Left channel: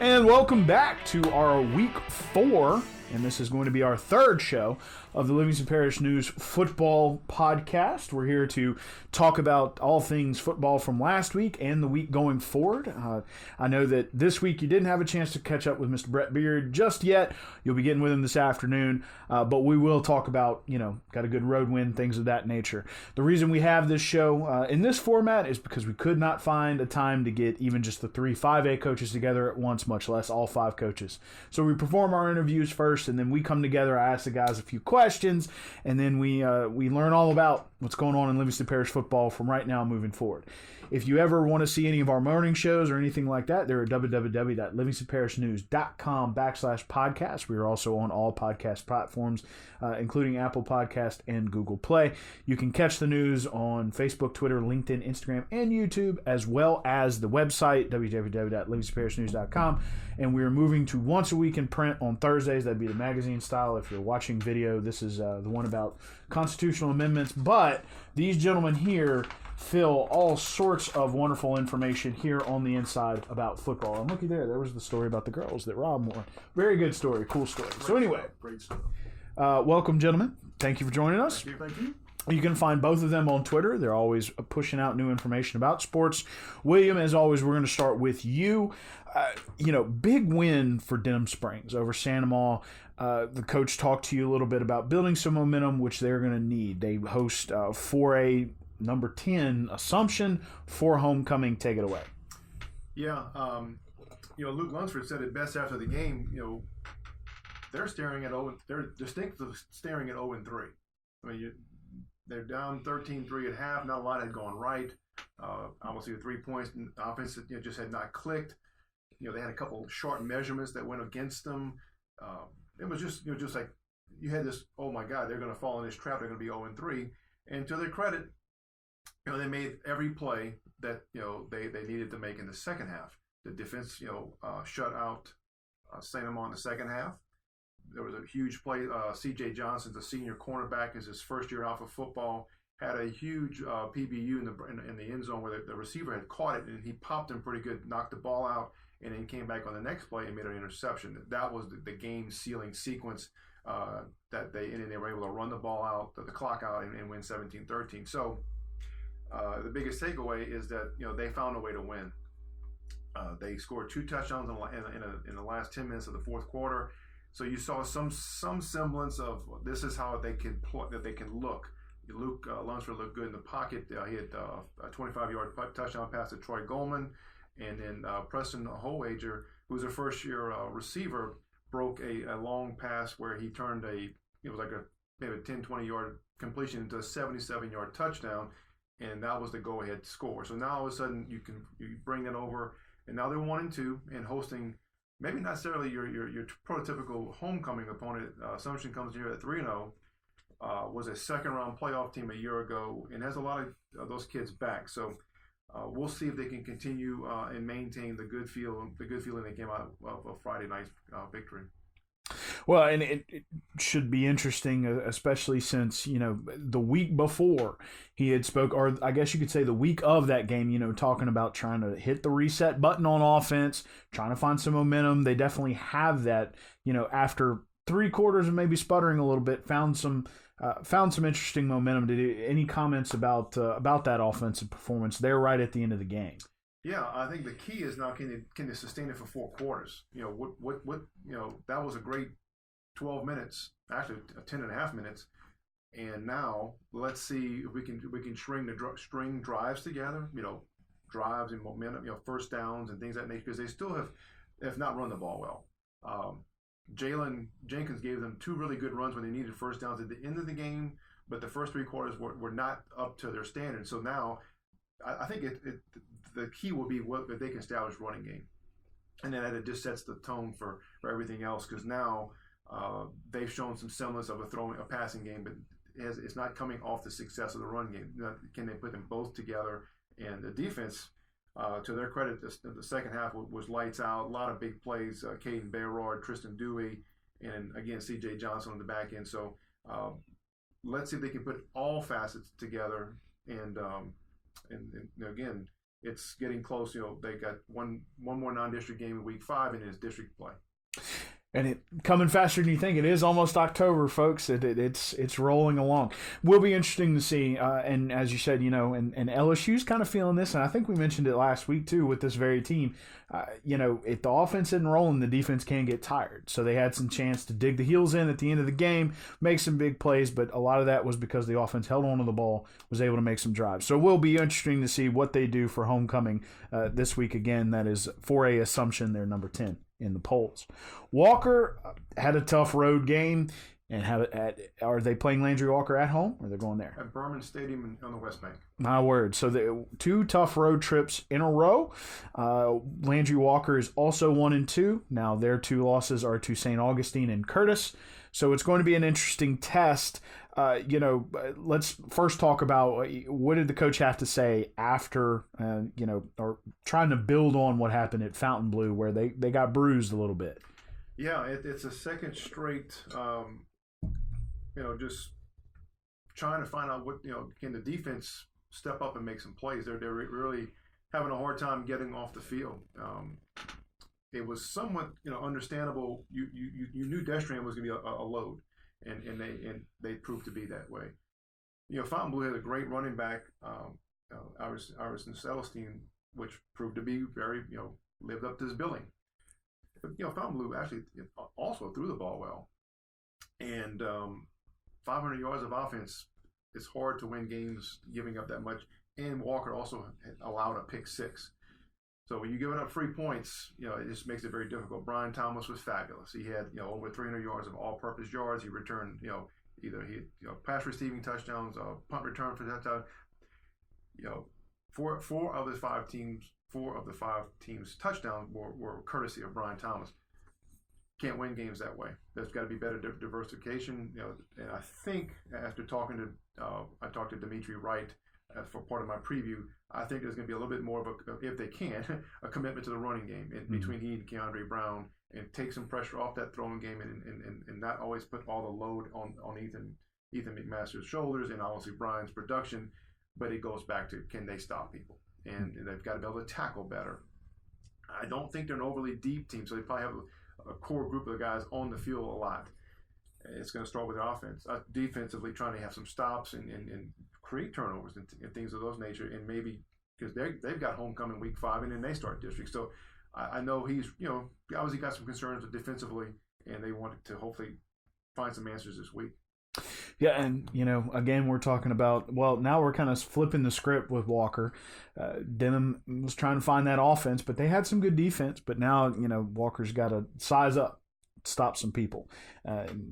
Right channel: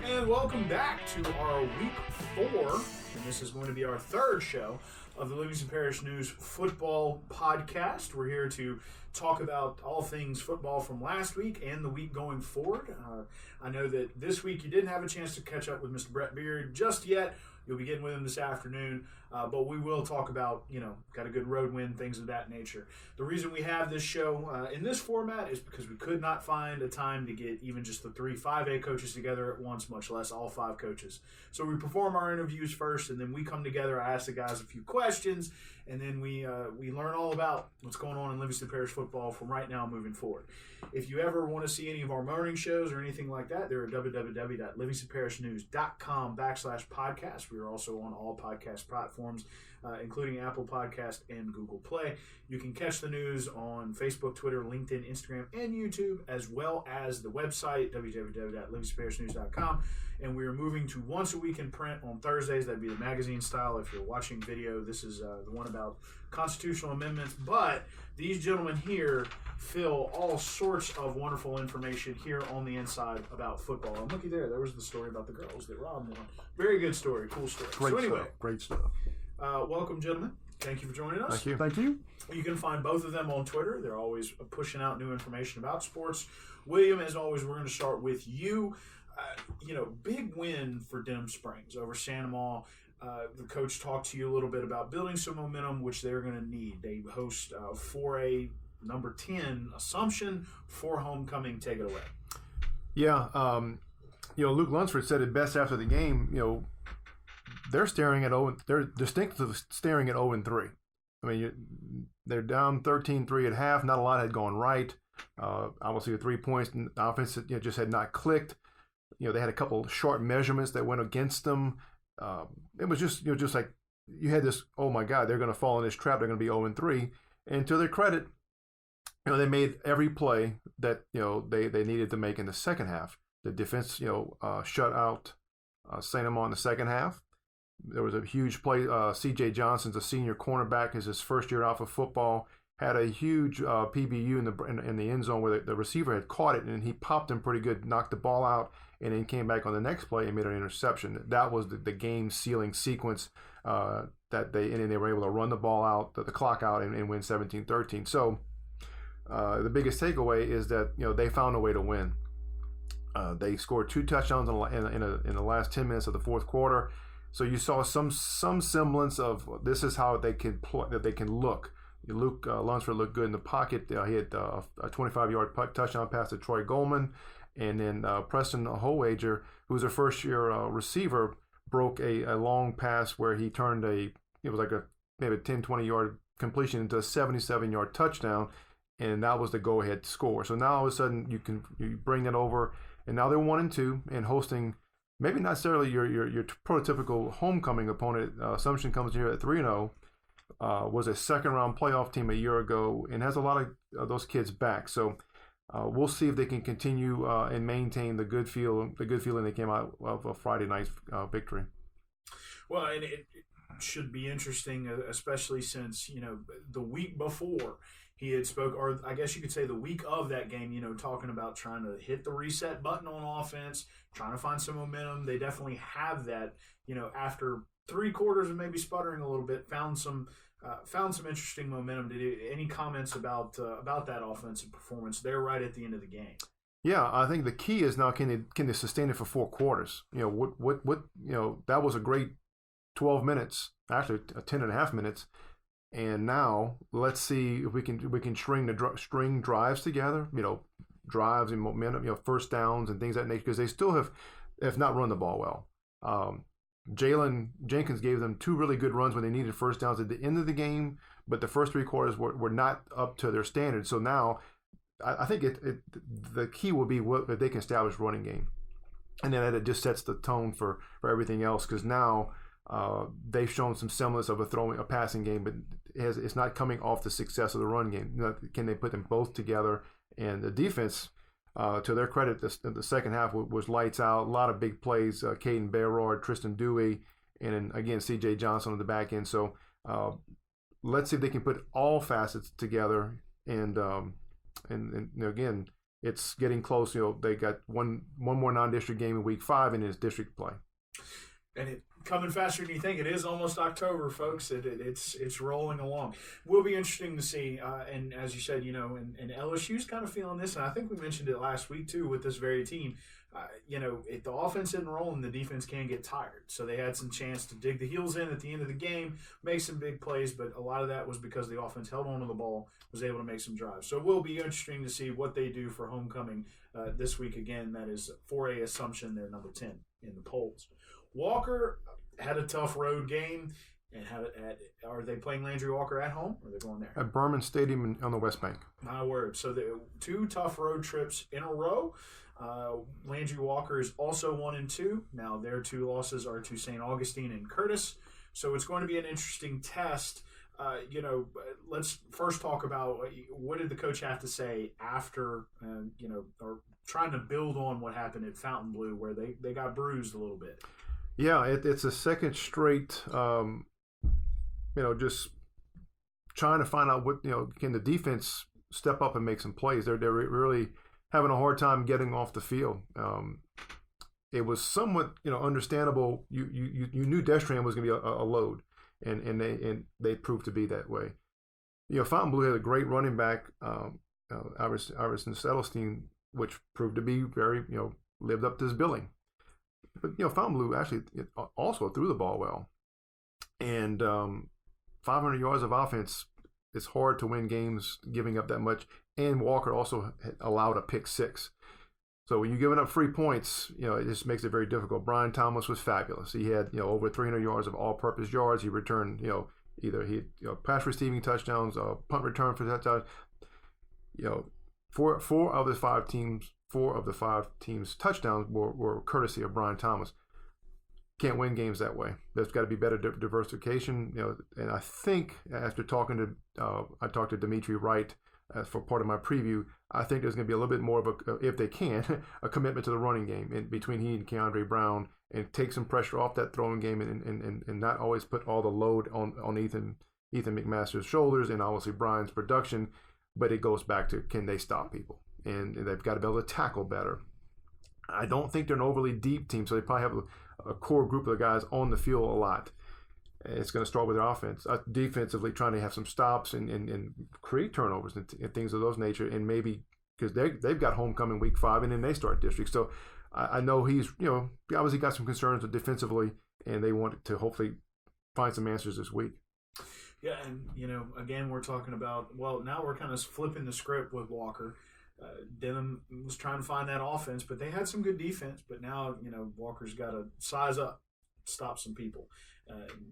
And welcome back to our week 4, and this is going to be our third show of the Livingston Parish News Football Podcast. We're here to talk about all things football from last week and the week going forward. I know that this week you didn't have a chance to catch up with Mr. Brett Beard just yet. You'll be getting with him this afternoon, but we will talk about, got a good road win, things of that nature. The reason we have this show in this format is because we could not find a time to get even just the 3 5A coaches together at once, much less all 5 coaches. So we perform our interviews first, and then we come together. I ask the guys a few questions, and then we learn all about what's going on in Livingston Parish football from right now moving forward. If you ever want to see any of our morning shows or anything like that, they're at www.livingstonparishnews.com/podcast. We are also on all podcast platforms, including Apple Podcast and Google Play. You can catch the news on Facebook, Twitter, LinkedIn, Instagram, and YouTube, as well as the website, www.livingstonparishnews.com. And we are moving to once a week in print on Thursdays. That'd be the magazine style. If you're watching video, this is the one about constitutional amendments. But these gentlemen here fill all sorts of wonderful information here on the inside about football. And looky there was the story about the girls that Rob won. Very good story, cool story. Great stuff. Welcome, gentlemen. Thank you for joining us. Thank you. You can find both of them on Twitter. They're always pushing out new information about sports. William, as always, we're going to start with you. Big win for Denham Springs over Sandoval. The coach talked to you a little bit about building some momentum, which they're going to need. They host 4A number 10 Assumption for homecoming. Take it away. Yeah, Luke Lunsford said it best after the game. They're distinctly staring at 0-3. I mean, they're down 13-3 at half. Not a lot had gone right. Obviously, the 3 points in the offense just had not clicked. They had a couple short measurements that went against them. It was just like you had this. Oh my God, they're going to fall in this trap. They're going to be 0-3. And to their credit, they made every play that they needed to make in the second half. The defense shut out St. Amand in the second half. There was a huge play. C.J. Johnson's a senior cornerback, is his first year off of football. Had a huge PBU in the end zone where the receiver had caught it, and he popped him pretty good, knocked the ball out, and then came back on the next play and made an interception. That was the game-sealing sequence and then they were able to run the ball out, the clock out, and win 17-13. So the biggest takeaway is that they found a way to win. They scored 2 touchdowns in the last 10 minutes of the fourth quarter. So you saw some semblance of this is how they can look. Luke Lunsford looked good in the pocket. He had a 25-yard touchdown pass to Troy Goldman. And then Preston Howager, who was a first-year receiver, broke a long pass where he turned maybe a 10, 20-yard completion into a 77-yard touchdown, and that was the go-ahead score. So now all of a sudden you bring that over, and now they're 1-2 and hosting maybe not necessarily your prototypical homecoming opponent. Assumption comes here at 3-0. Was a second-round playoff team a year ago and has a lot of those kids back. So we'll see if they can continue and maintain the good feeling they came out of a Friday night victory. Well, and it should be interesting, especially since, the week before he had spoke, or I guess you could say the week of that game, talking about trying to hit the reset button on offense, trying to find some momentum. They definitely have that, after 3 quarters and maybe sputtering a little bit, found some interesting momentum. Any comments about that offensive performance there right at the end of the game? Yeah, I think the key is now can they sustain it for 4 quarters? That was a great 12 minutes, actually 10.5 minutes, and now let's see if we can string drives together. Drives and momentum, first downs and things of that nature, because they still have not run the ball well. Jalen Jenkins gave them 2 really good runs when they needed first downs at the end of the game, but the first 3 quarters were not up to their standards. So now I think the key will be if they can establish running game. And then it just sets the tone for everything else, because now they've shown some semblance of a passing game, but it's not coming off the success of the run game. Can they put them both together? And the defense, to their credit, the second half was lights out. A lot of big plays. Caden Bayrard, Tristan Dewey, and again C.J. Johnson on the back end. So let's see if they can put all facets together. And again, it's getting close. They got one more non-district game in week 5, and it's district play. And it coming faster than you think. It is almost October, folks. It's rolling along. Will be interesting to see. And as you said, and LSU's kind of feeling this, and I think we mentioned it last week too with this very team. If the offense isn't rolling, the defense can get tired. So they had some chance to dig the heels in at the end of the game, make some big plays, but a lot of that was because the offense held on to the ball, was able to make some drives. So it will be interesting to see what they do for homecoming this week. Again, that is 4A Assumption. They're number 10 in the polls. Walker had a tough road game, and are they playing Landry Walker at home, or they're going there? At Berman Stadium on the West Bank. My word. So 2 tough road trips in a row. Landry Walker is also 1-2. Now their 2 losses are to St. Augustine and Curtis. So it's going to be an interesting test. Let's first talk about what did the coach have to say after, or trying to build on what happened at Fontainebleau, where they got bruised a little bit. Yeah, it's a second straight, just trying to find out can the defense step up and make some plays. They're really having a hard time getting off the field. It was somewhat, understandable. You knew Destran was going to be a load, and they proved to be that way. Fontainebleau had a great running back, Iverson Settlestein, which proved to be very, lived up to his billing. But Fontainebleau actually also threw the ball well, and 500 yards of offense. It's hard to win games giving up that much. And Walker also allowed a pick 6. So when you're giving up free points, it just makes it very difficult. Brian Thomas was fabulous. He had over 300 yards of all-purpose yards. He returned either pass receiving touchdowns, punt return for touchdowns. Four of the five teams' touchdowns were courtesy of Brian Thomas. Can't win games that way. There's got to be better diversification. And I think after I talked to Dimitri Wright for part of my preview. I think there's going to be a little bit more of if they can, a commitment to the running game between he and Keandre Brown, and take some pressure off that throwing game, and not always put all the load on Ethan McMaster's shoulders and obviously Brian's production. But it goes back to, can they stop people? And they've got to be able to tackle better. I don't think they're an overly deep team, so they probably have a core group of guys on the field a lot. It's going to start with their offense. Defensively, trying to have some stops and create turnovers and things of those nature, and maybe because they've got homecoming week 5, and then they start district. So I know he's obviously got some concerns with defensively, and they want to hopefully find some answers this week. Yeah, and again, we're talking about, now we're kind of flipping the script with Walker. Denham was trying to find that offense, but they had some good defense. But now Walker's got to size up, stop some people.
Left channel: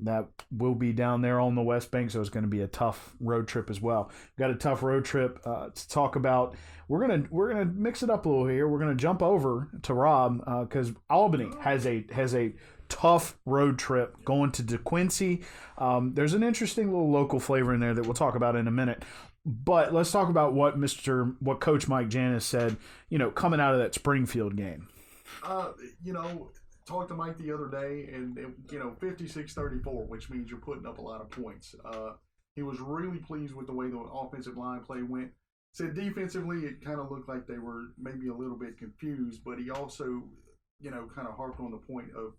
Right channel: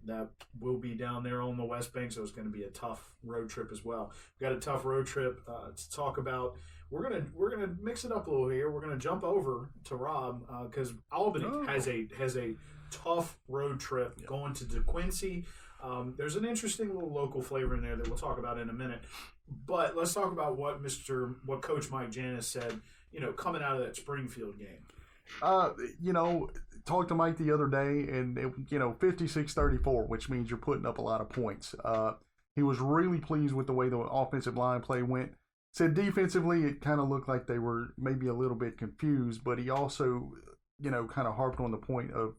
That will be down there on the West Bank, so it's going to be a tough road trip as well. We've got a tough road trip to talk about. We're gonna mix it up a little here. We're gonna jump over to Rob because Albany has a tough road trip going to DeQuincy. There's an interesting little local flavor in there that we'll talk about in a minute. But let's talk about what Coach Mike Janis said, coming out of that Springfield game. Talked to Mike the other day, and 56-34, which means you're putting up a lot of points. He was really pleased with the way the offensive line play went. Said defensively, it kind of looked like they were maybe a little bit confused, but he also, kind of harped on the point of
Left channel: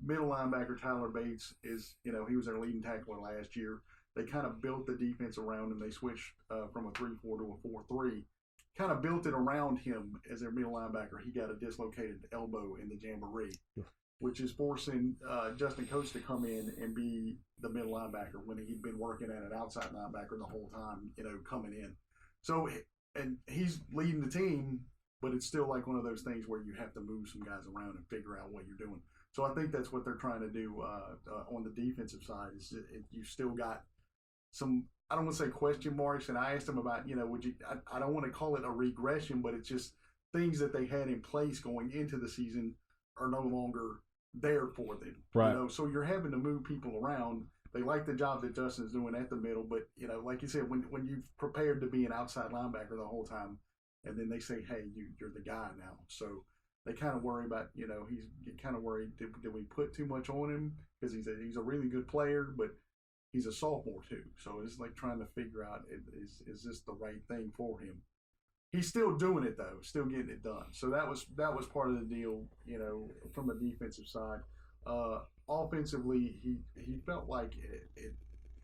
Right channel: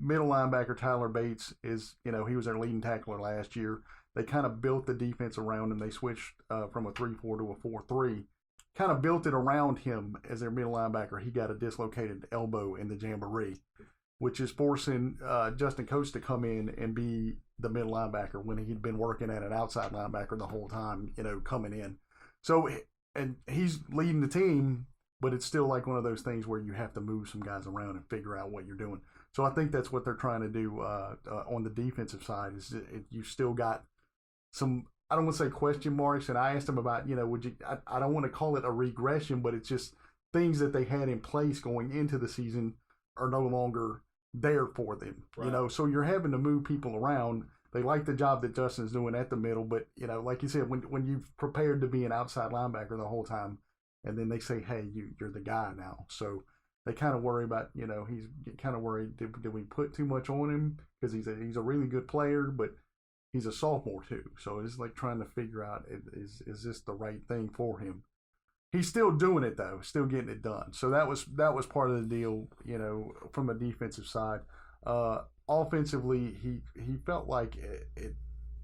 middle linebacker Tyler Bates is, he was their leading tackler last year. They kind of built the defense around him. They switched from a 3-4 to a 4-3. Kind of built it around him as their middle linebacker. He got a dislocated elbow in the jamboree, which is forcing Justin Coates to come in and be the middle linebacker when he'd been working at an outside linebacker the whole time, coming in. So, and he's leading the team, but it's still like one of those things where you have to move some guys around and figure out what you're doing. So I think that's what they're trying to do on the defensive side. Is you still got some, I don't want to say question marks, and I asked him about, would you? I don't want to call it a regression, but it's just things that they had in place going into the season are no longer there for them. Right. So you're having to move people around. They like the job that Justin's doing at the middle, but like you said, when you've prepared to be an outside linebacker the whole time, and then they say, hey, you're the guy now. So they kind of worry about, he's kind of worried, did we put too much on him? Because he's a really good player, but he's a sophomore too. So it's like trying to figure out, is this the right thing for him? He's still doing it though, still getting it done. So that was part of the deal, from a defensive side. Offensively, he felt like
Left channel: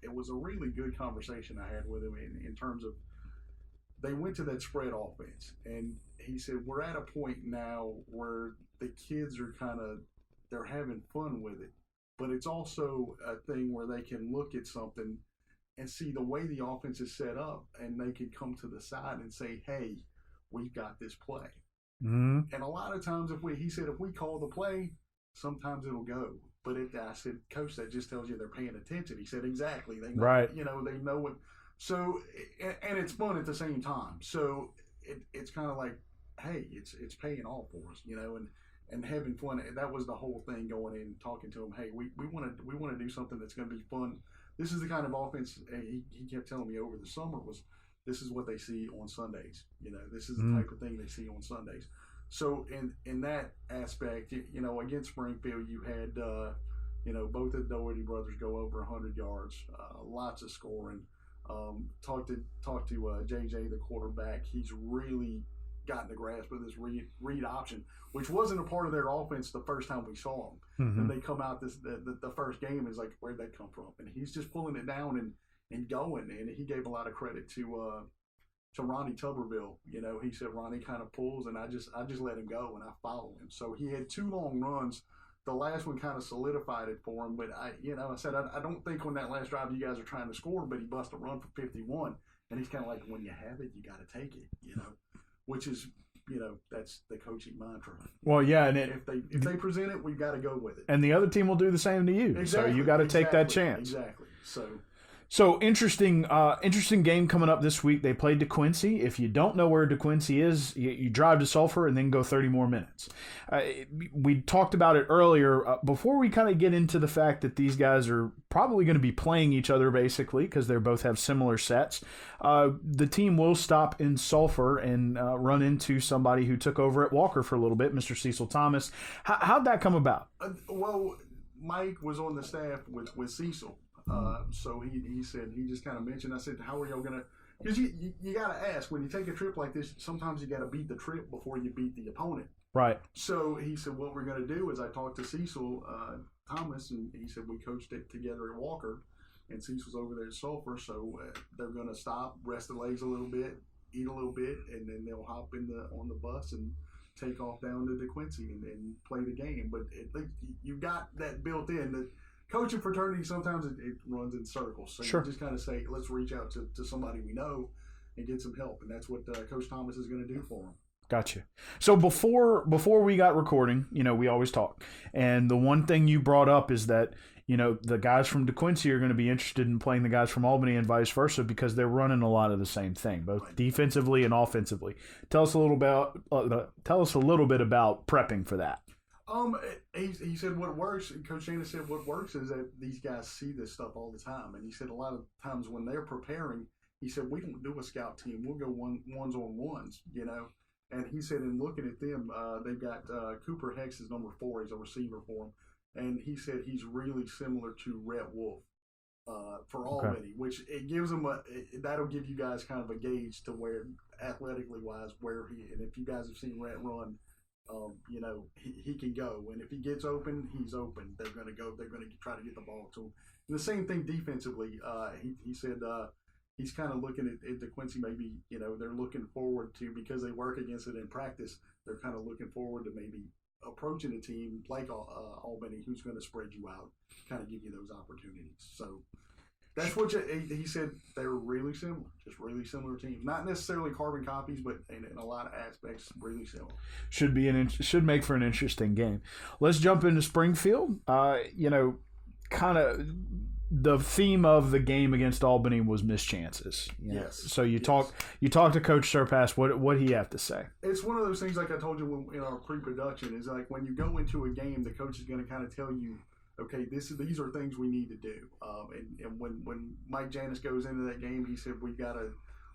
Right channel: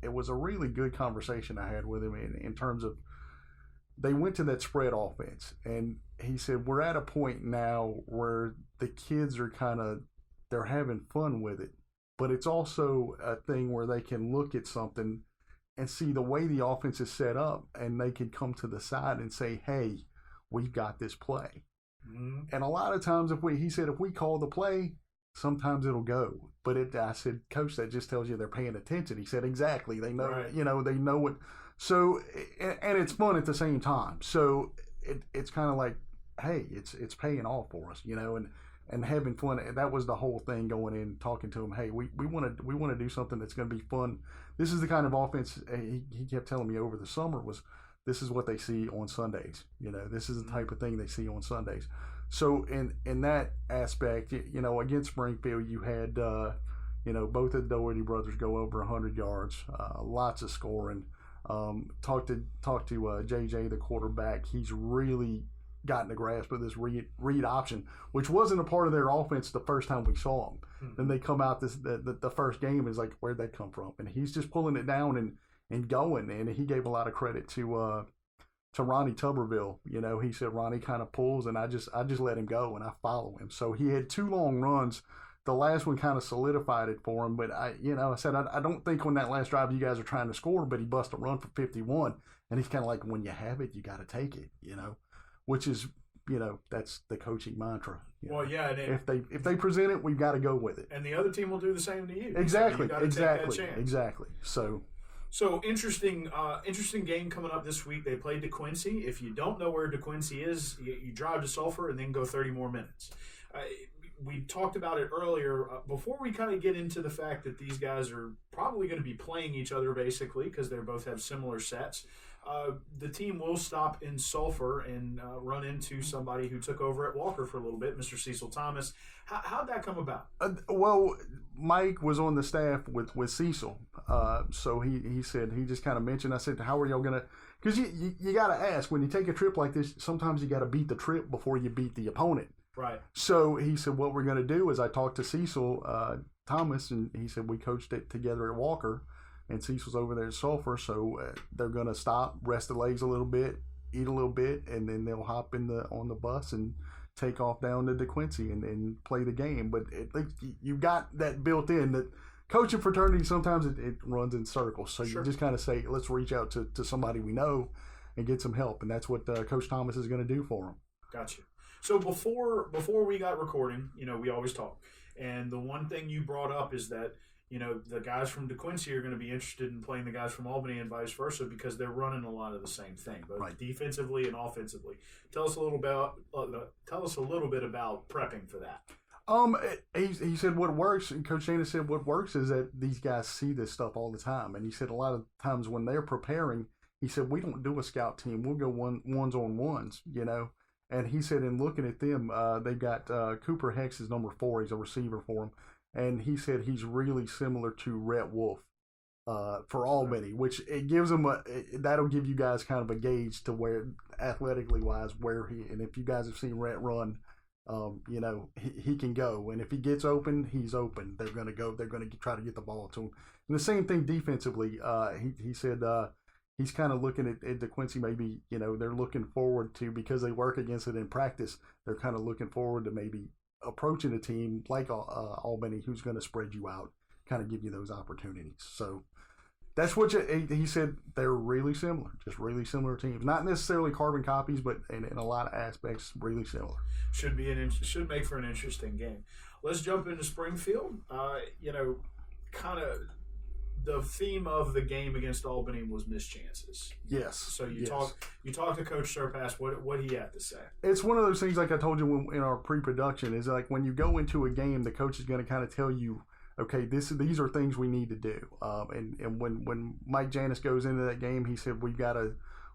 it was a really good conversation I had with him in terms of they went to that spread offense, and he said we're at a point now where the kids are they're having fun with it, but it's also a thing where they can look at something and see the way the offense is set up, and they can come to the side and say, hey, we've got this play. Mm-hmm. And a lot of times if we call the play, sometimes it'll go. But I said, Coach, that just tells you they're paying attention. He said, exactly. They know, right. They know what. So, and it's fun at the same time. So it's kind of like, hey, it's paying off for us, and having fun. That was the whole thing going in, talking to him. Hey, we want to do something that's going to be fun. This is the kind of offense he kept telling me over the summer this is what they see on Sundays. This is the type of thing they see on Sundays. So in that aspect, against Springfield, you had both of the Doherty brothers go over 100 yards, lots of scoring. Talked to JJ, the quarterback. He's really gotten a grasp of this read option, which wasn't a part of their offense the first time we saw them. Mm-hmm. And they come out the first game is like, where'd that come from? And he's just pulling it down and going. And he gave a lot of credit to Ronnie Tuberville. He said Ronnie kind of pulls, and I just let him go and I follow him. So he had 2 long runs. The last one kind of solidified it for him, but I said I don't think on that last drive you guys are trying to score, but he bust a run for 51, and he's kind of like, when you have it, you got to take it, which is that's the coaching mantra. Well, yeah, and if they present it, we've got to go with it, and the other team will do the same to you. Exactly, so you got to take that chance. Exactly. So interesting game coming up this week. They played DeQuincy. If you don't know where DeQuincy is, you drive to Sulphur and then go 30 more minutes. We talked about it earlier. Before we kind of get into the fact that these guys are probably going to be playing each other basically because they both have similar sets, the team will stop in Sulphur and run into somebody who took over at Walker for a little bit, Mr. Cecil Thomas. How'd that come about? Well, Mike was on the staff with Cecil. So he said, he just kind of mentioned, I said, how are y'all going to, because you got to ask, when you take a trip like this, sometimes you got to beat the trip before you beat the opponent. Right. So he said, what we're going to do is I talked to Cecil Thomas, and he said, we coached it together at Walker, and Cecil's over there at Sulphur, so they're going to stop, rest the legs a little bit, eat a little bit, and then they'll hop on the bus and take off down to DeQuincy and play the game. But you got that built in that coaching fraternity, sometimes it runs in circles. So sure. You just kind of say, let's reach out to somebody we know and get some help. And that's what Coach Thomas is going to do for them. Gotcha. So before we got recording, we always talk. And the one thing you brought up is that, the guys from DeQuincy are going to be interested in playing the guys from Albany and vice versa because they're running a lot of the same thing, both right. defensively and offensively. Tell us a little bit about prepping for that. He said what works, and Coach Shana said what works is that these guys see this stuff all the time. And he said a lot of times when they're preparing, he said, we don't do a scout team. We'll go ones on ones, And he said in looking at them, they've got Cooper Hex is number 4. He's a receiver for him. And he said he's really similar to Rhett Wolf for Albany, which it gives him that'll give you guys kind of a gauge to where athletically wise where he, and if you guys have seen Rhett run, he can go, and if he gets open, he's open. They're going to try to get the ball to him. And the same thing defensively. He said he's kind of looking at DeQuincy. Maybe they're looking forward to, because they work against it in practice. They're kind of looking forward to maybe approaching a team like Albany, who's going to spread you out, kind of give you those opportunities. So that's what he said. They're really similar, just really similar teams. Not necessarily carbon copies, but in a lot of aspects, really similar. Should make for an interesting game. Let's jump into Springfield. Kind of the theme of the game against Albany was missed chances. Yes. So you talk to Coach Surpass. What do you have to say? It's one of those things, like I told you in our pre-production, is like when you go into a game, the coach is going to kind of tell you, okay, these are things we need to do. And when Mike Janis goes into that game, he said we've got to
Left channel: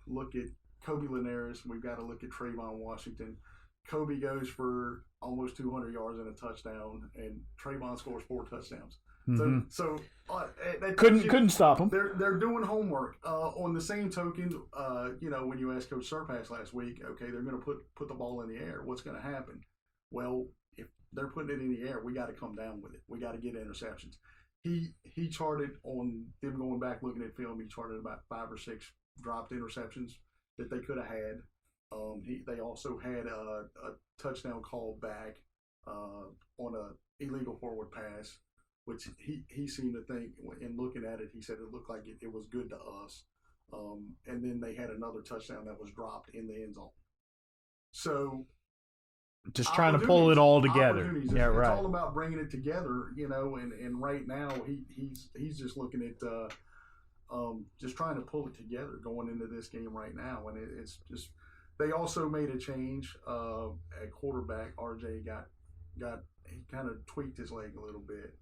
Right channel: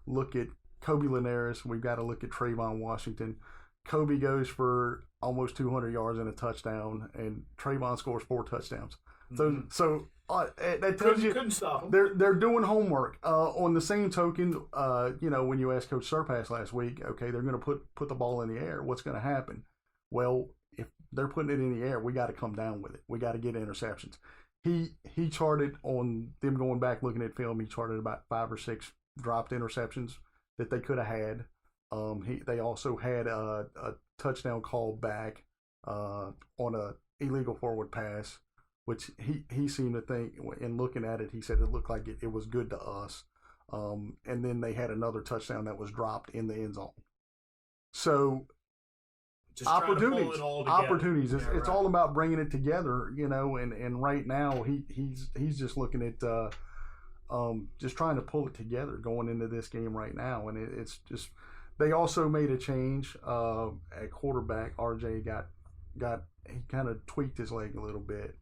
look at Kobe Linares, we've got to look at Trayvon Washington. Kobe goes for almost 200 yards and a touchdown, and Trayvon scores 4 touchdowns. So that couldn't stop them. They're doing homework. On the same token, when you asked Coach Surpass last week, okay, they're going to put the ball in the air. What's going to happen? Well, if they're putting it in the air, we got to come down with it. We got to get interceptions. He charted on them going back looking at film. He charted about 5 or 6 dropped interceptions that they could have had. They also had a touchdown call back on a illegal forward pass, which he seemed to think, in looking at it, he said it looked like it was good to us. And then they had another touchdown that was dropped in the end zone. So just trying to pull it all together. Opportunities. It's all about bringing it together, and right now he's just looking at just trying to pull it together going into this game right now. And it's just, they also made a change at quarterback. RJ he kind of tweaked his leg a little bit.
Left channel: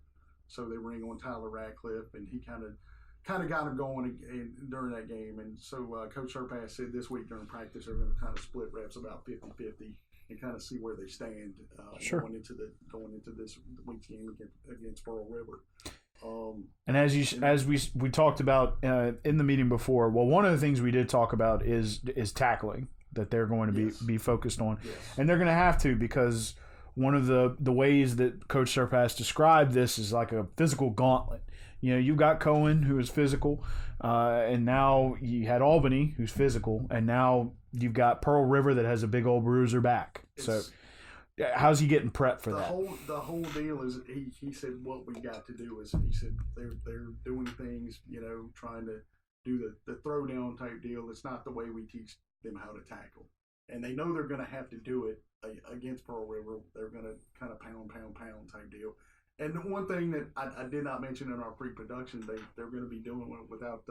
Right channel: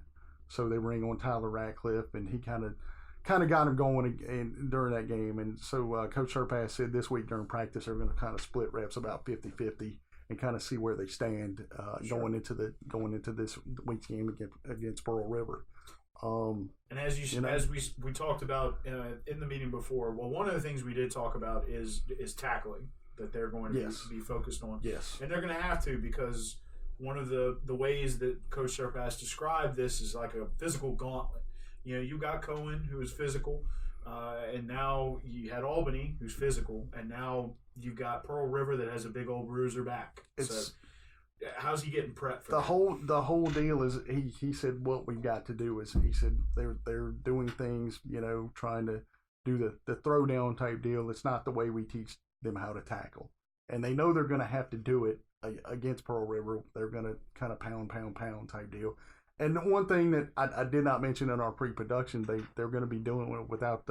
So they bring on Tyler Ratcliffe, and he kind of got him going during that game. And so Coach Surpass said this week during practice they're going to kind of split reps about 50-50 and kind of see where they stand going into this week's game against Pearl River. And as we talked about in the meeting before, well, one of the things we did talk about is tackling that they're going to be focused on, and they're going to have to, because one of the ways that Coach Surpass described this is like a physical gauntlet. You got Cohen, who is physical, and now you had Albany, who's physical, and now you've got Pearl River that has a big old bruiser back. So how's he getting prepped for that? The whole deal is he said what we got to do is, he said they're doing things, trying to do the throw down type deal. It's not the way we teach them how to tackle, and they know they're going to have to do it against Pearl River. They're going to kind of pound type deal. And one thing that I did not mention in our pre-production, they're going to be doing it without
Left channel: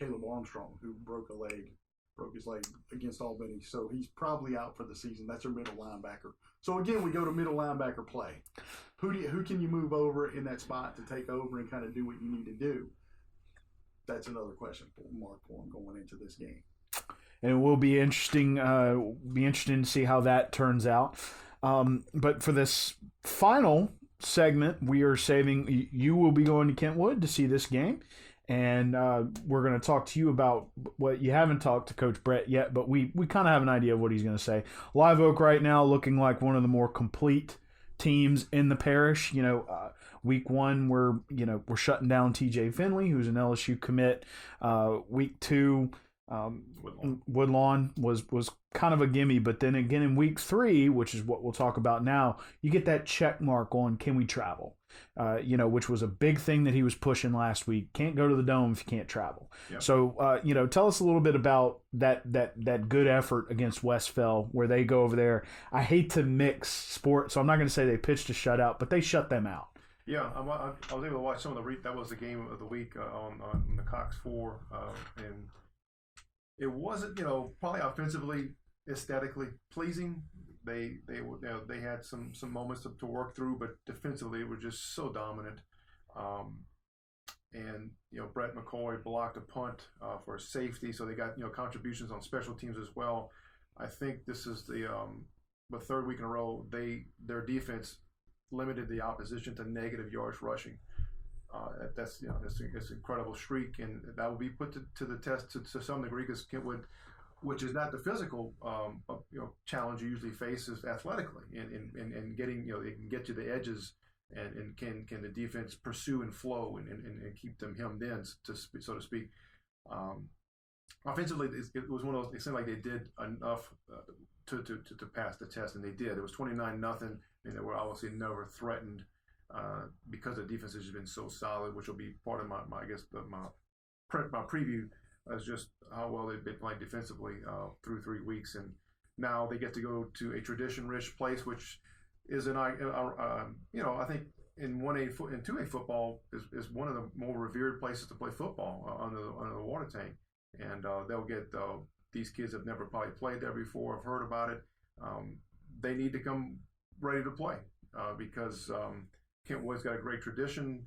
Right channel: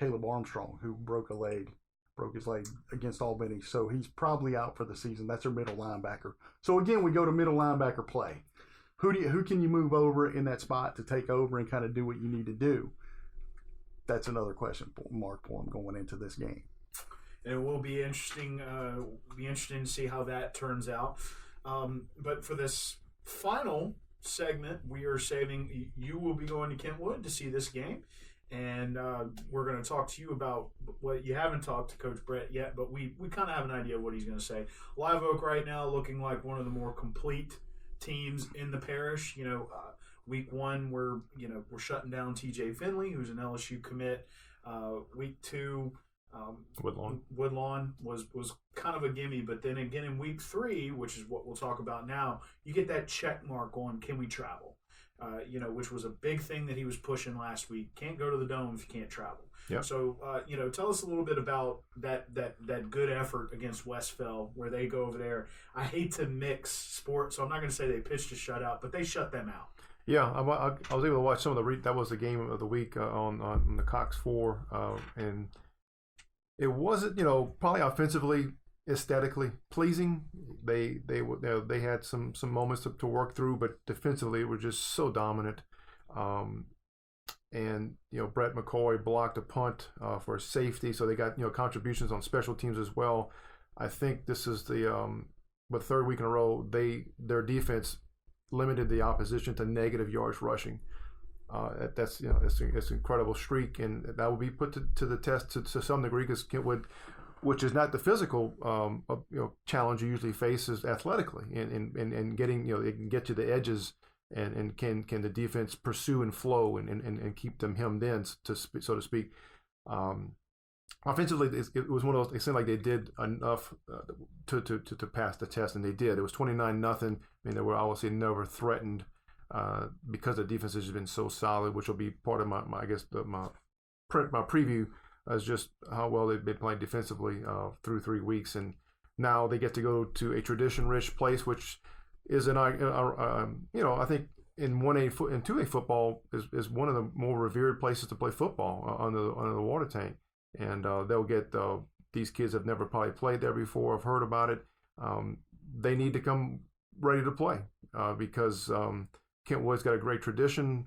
Caleb Armstrong, who broke his leg against Albany. So he's probably out for the season. That's their middle linebacker. So again, we go to middle linebacker play. Who can you move over in that spot to take over and kind of do what you need to do? That's another question mark for him going into this game. And it will be interesting. To see how that turns out. But for this final segment, we are saving. You will be going to Kentwood to see this game, and we're going to talk to you about what you haven't talked to Coach Brett yet, but we kind of have an idea of what he's going to say. Live Oak right now looking like one of the more complete teams in the parish. Week 1 we're shutting down TJ Finley, who's an LSU commit. Week 2. Woodlawn was kind of a gimme, but then again in week 3, which is what we'll talk about now, you get that check mark on can we travel, which was a big thing that he was pushing last week. Can't go to the Dome if you can't travel. Yep. So tell us a little bit about that good effort against Westfell, where they go over there. I hate to mix sports, so I'm not going to say they pitched a shutout, but they shut them out. Yeah, I was able to watch some of that was the game of the week on the Cox 4, and it wasn't, probably offensively, aesthetically pleasing. They had some moments to work through, but defensively it was just so dominant. And Brett McCoy blocked a punt for a safety, so they got contributions on special teams as well. I think this is the third week in a row their defense limited the opposition to negative yards rushing. It's an incredible streak, and that will be put to the test to some degree, because Kentwood, which is not the physical challenge you usually face, is athletically and getting they can get to the edges, and can the defense pursue and flow and keep them hemmed in, so to speak. Offensively, it was one of those. It seemed like they did enough to pass the test, and they did. It was 29-0. They were obviously never threatened. Because the defense has been so solid, which will be part of my preview, as just how well they've been playing defensively through 3 weeks, and now they get to go to a tradition-rich place, which is I think in 1A and 2A football is one of the more revered places to play football under the water tank, and they'll get these kids have never probably played there before, have heard about it. They need to come ready to play because. Kentwood's got a great tradition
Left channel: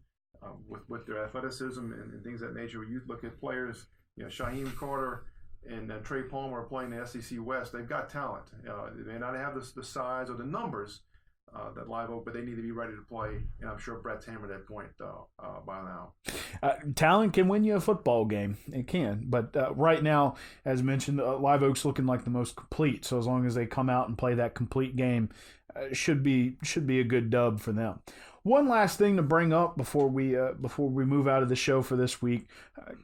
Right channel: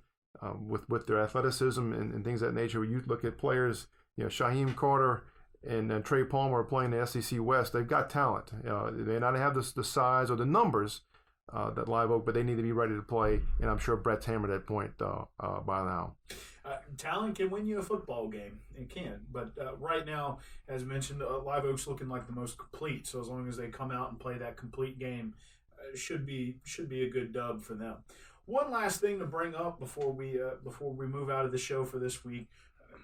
with their athleticism and things of that nature. When you look at players, Shaheem Carter and Trey Palmer are playing the SEC West. They've got talent. They may not have the size or the numbers that Live Oak, but they need to be ready to play, and I'm sure Brett's hammered that point by now. Talent can win you a football game. It can. But right now, as mentioned, Live Oak's looking like the most complete. So as long as they come out and play that complete game, should be a good dub for them. One last thing to bring up before we move out of the show for this week,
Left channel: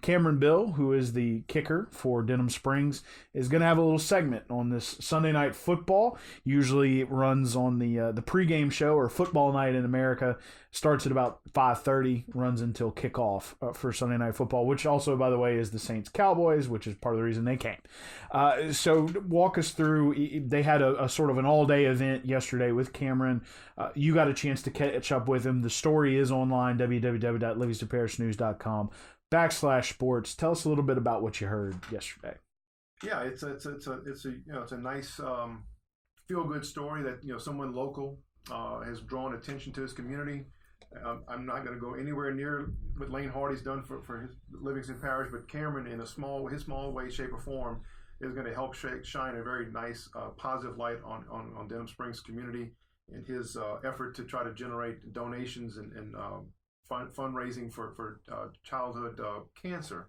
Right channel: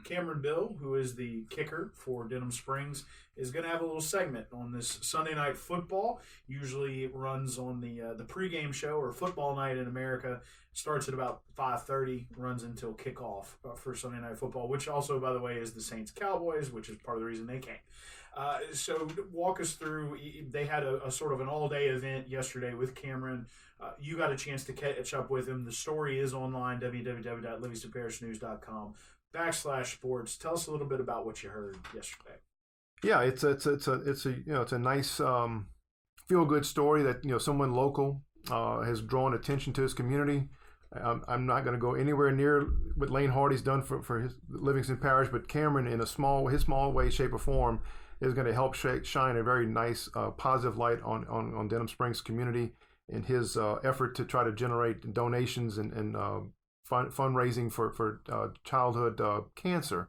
Cameron Bill, who is the kicker for Denham Springs, is going to have a little segment on this Sunday Night Football. Usually it runs on the pregame show, or Football Night in America. Starts at about 5:30, runs until kickoff for Sunday Night Football, which also, by the way, is the Saints-Cowboys, which is part of the reason they came. So walk us through. They had a sort of an all-day event yesterday with Cameron. You got a chance to catch up with him. The story is online, www.livingstonparishnewscom/sports. Tell us a little bit about what you heard yesterday. Yeah, it's a nice feel-good story that someone local has drawn attention to his community. I'm not going to go anywhere near what Lane Hardy's done for his Livingston Parish, but Cameron, in his small way, shape, or form, is going to help shine a very nice, positive light on Denham Springs community in his effort to try to generate donations and fundraising for childhood cancer.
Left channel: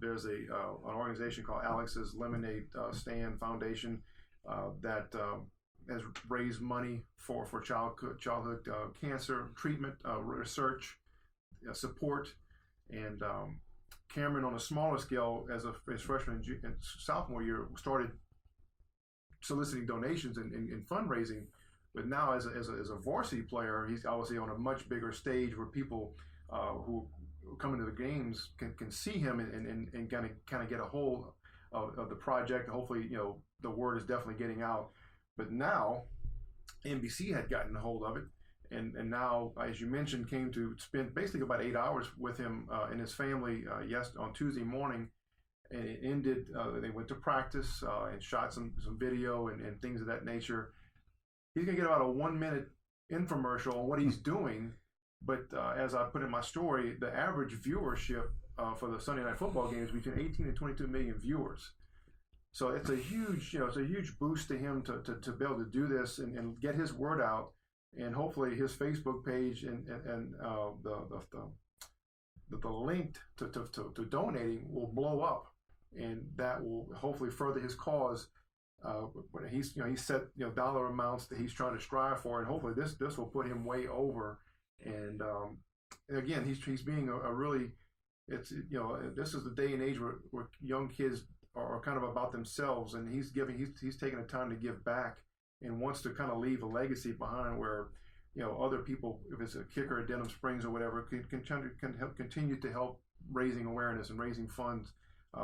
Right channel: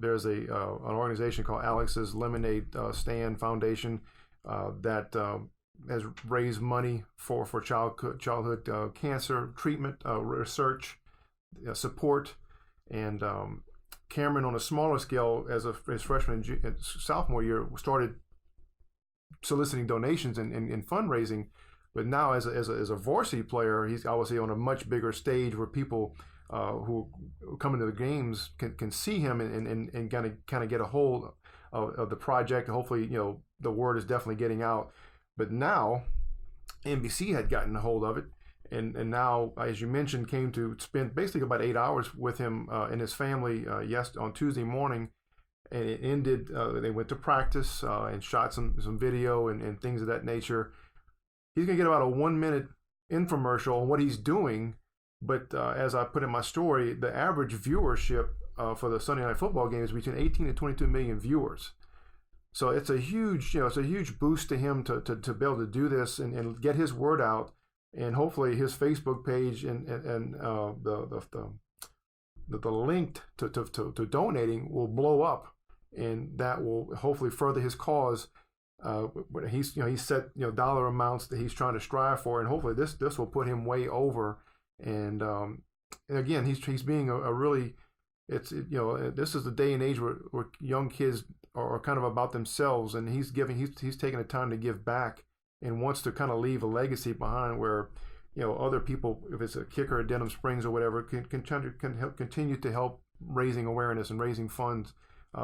There's an organization called Alex's Lemonade Stand Foundation that has raised money for childhood cancer treatment, research, support, and Cameron, on a smaller scale, as his freshman and sophomore year, started soliciting donations and fundraising. But now, as a varsity player, he's obviously on a much bigger stage where people who come into the games can see him and kind of get a hold of the project. Hopefully, the word is definitely getting out. But now, NBC had gotten a hold of it, and now, as you mentioned, came to spend basically about 8 hours with him and his family on Tuesday morning, and it ended. They went to practice and shot some video and things of that nature. He's gonna get about a 1-minute infomercial on what he's doing, but as I put in my story, the average viewership for the Sunday Night Football game is between 18 and 22 million viewers. So it's a huge, boost to him to be able to do this and get his word out, and hopefully his Facebook page and the link to donating will blow up, and that will hopefully further his cause. He's set dollar amounts that he's trying to strive for, and hopefully this will put him way over. And again, he's being a really, this is the day and age where young kids are kind of about themselves, and he's taking the time to give back and wants to kind of leave a legacy behind where other people, if it's a kicker at Denham Springs or whatever, can help continue to help raising awareness and raising funds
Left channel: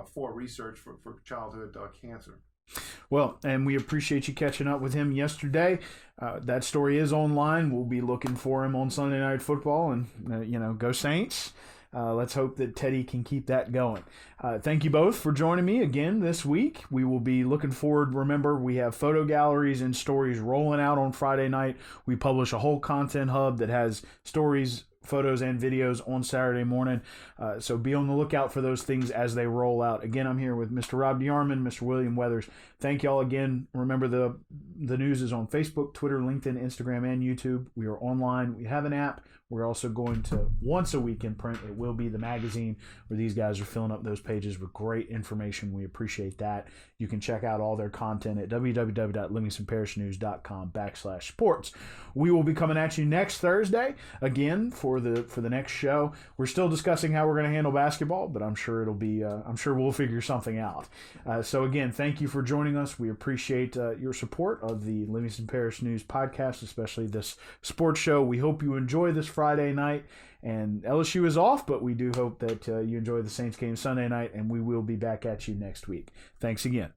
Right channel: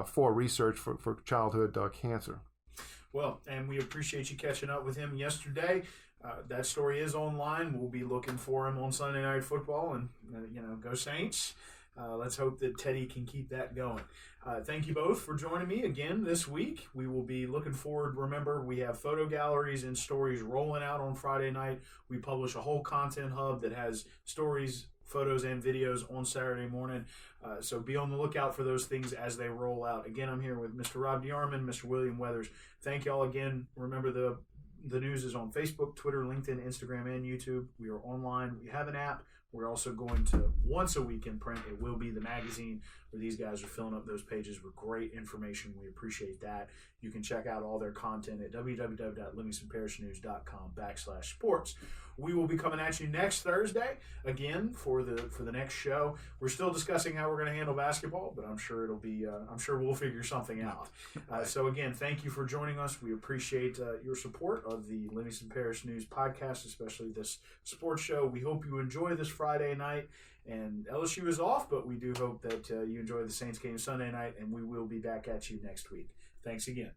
for research for childhood cancer. Well, and we appreciate you catching up with him yesterday. That story is online. We'll be looking for him on Sunday Night Football, and go Saints. Let's hope that Teddy can keep that going. Thank you both for joining me again this week. We will be looking forward. Remember, we have photo galleries and stories rolling out on Friday night. We publish a whole content hub that has stories, photos, and videos on Saturday morning. So be on the lookout for those things as they roll out. Again, I'm here with Mr. Rob DeArmond, Mr. William Weathers. Thank y'all again. Remember, the news is on Facebook, Twitter, LinkedIn, Instagram, and YouTube. We are online. We have an app. We're also going to, once a week in print, it will be the magazine where these guys are filling up those pages with great information. We appreciate that. You can check out all their content at www.livingstonparishnewscom/sports. We will be coming at you next Thursday again for the next show. We're still discussing how we're going to handle basketball, but I'm sure we'll figure something out. So again, thank you for joining us. We appreciate your support of the Livingston Parish News podcast, especially this sports show. We hope you enjoy this Friday night. And LSU is off, but we do hope that you enjoy the Saints game Sunday night, and we will be back at you next week. Thanks again.